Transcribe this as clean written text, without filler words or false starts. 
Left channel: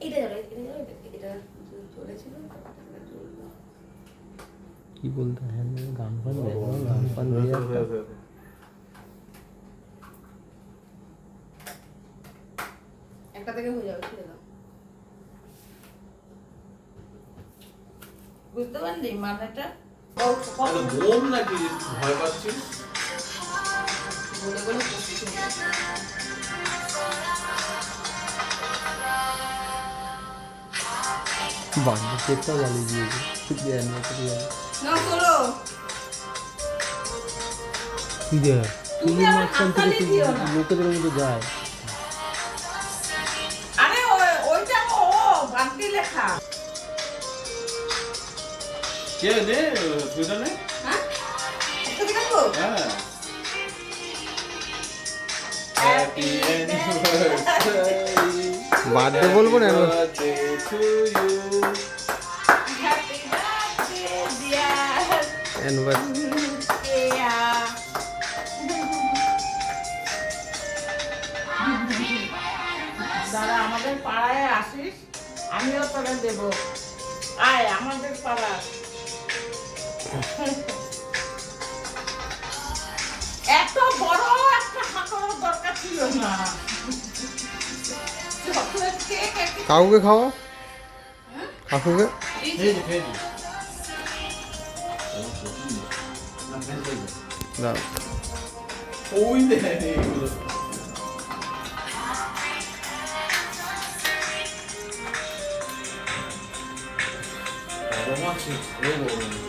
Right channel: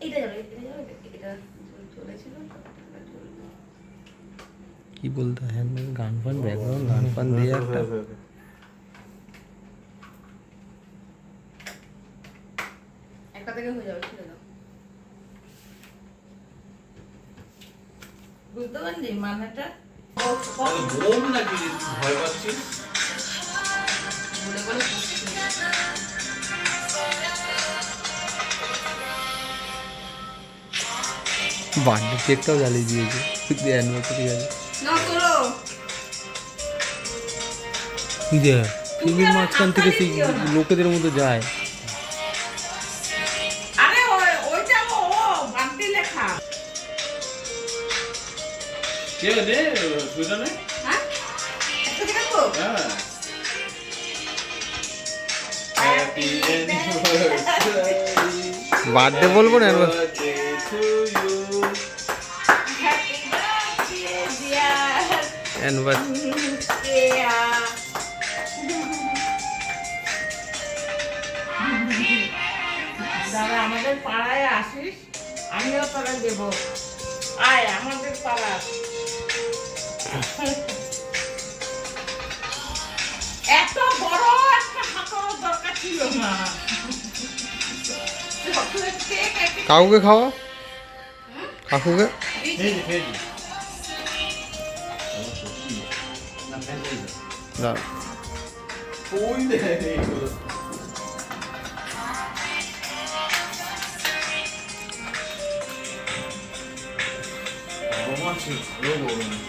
এটা যাবে এটা চলেছিল কি বলতে হয় গান ফান ব্যাকগ্রাউন্ড গান ফান দিয়ে একটা একটা থেকে হয়ে যাবে ছেড়ে দাও বুঝতে পারলি মানেটা বোম নাকি ভয় পাচ্ছিস বলে বলে পড়ছি বার্থডে কেকটাও জ্বালিয়ে দিয়েছে শুধু অ্যানিভার্সারি গেছে না করো যে টিভির মাঝখান থেকে সেই লোকেদের মতো যায় আরে ওইটা ও বান্টি লেখা কে রে তুইটা নে হ্যাঁ একটা দিকে তো হ্যাঁ হ্যাপি অ্যানিভার্সারি বার্থডে বলবো না birthday to you happy birthday dear anniversary Keya দাদা আমাদের পাড়ায় আসিস আমিও তোরা দেব আয় আমাদের পাড়া এত বড় একটা হাঁকানোর দরকার ছিল না চকলেট কেক কাকুকে খাওয়া কাকুকে ফেজি ফেজি না ওই দে এগুলো রোমান্টিক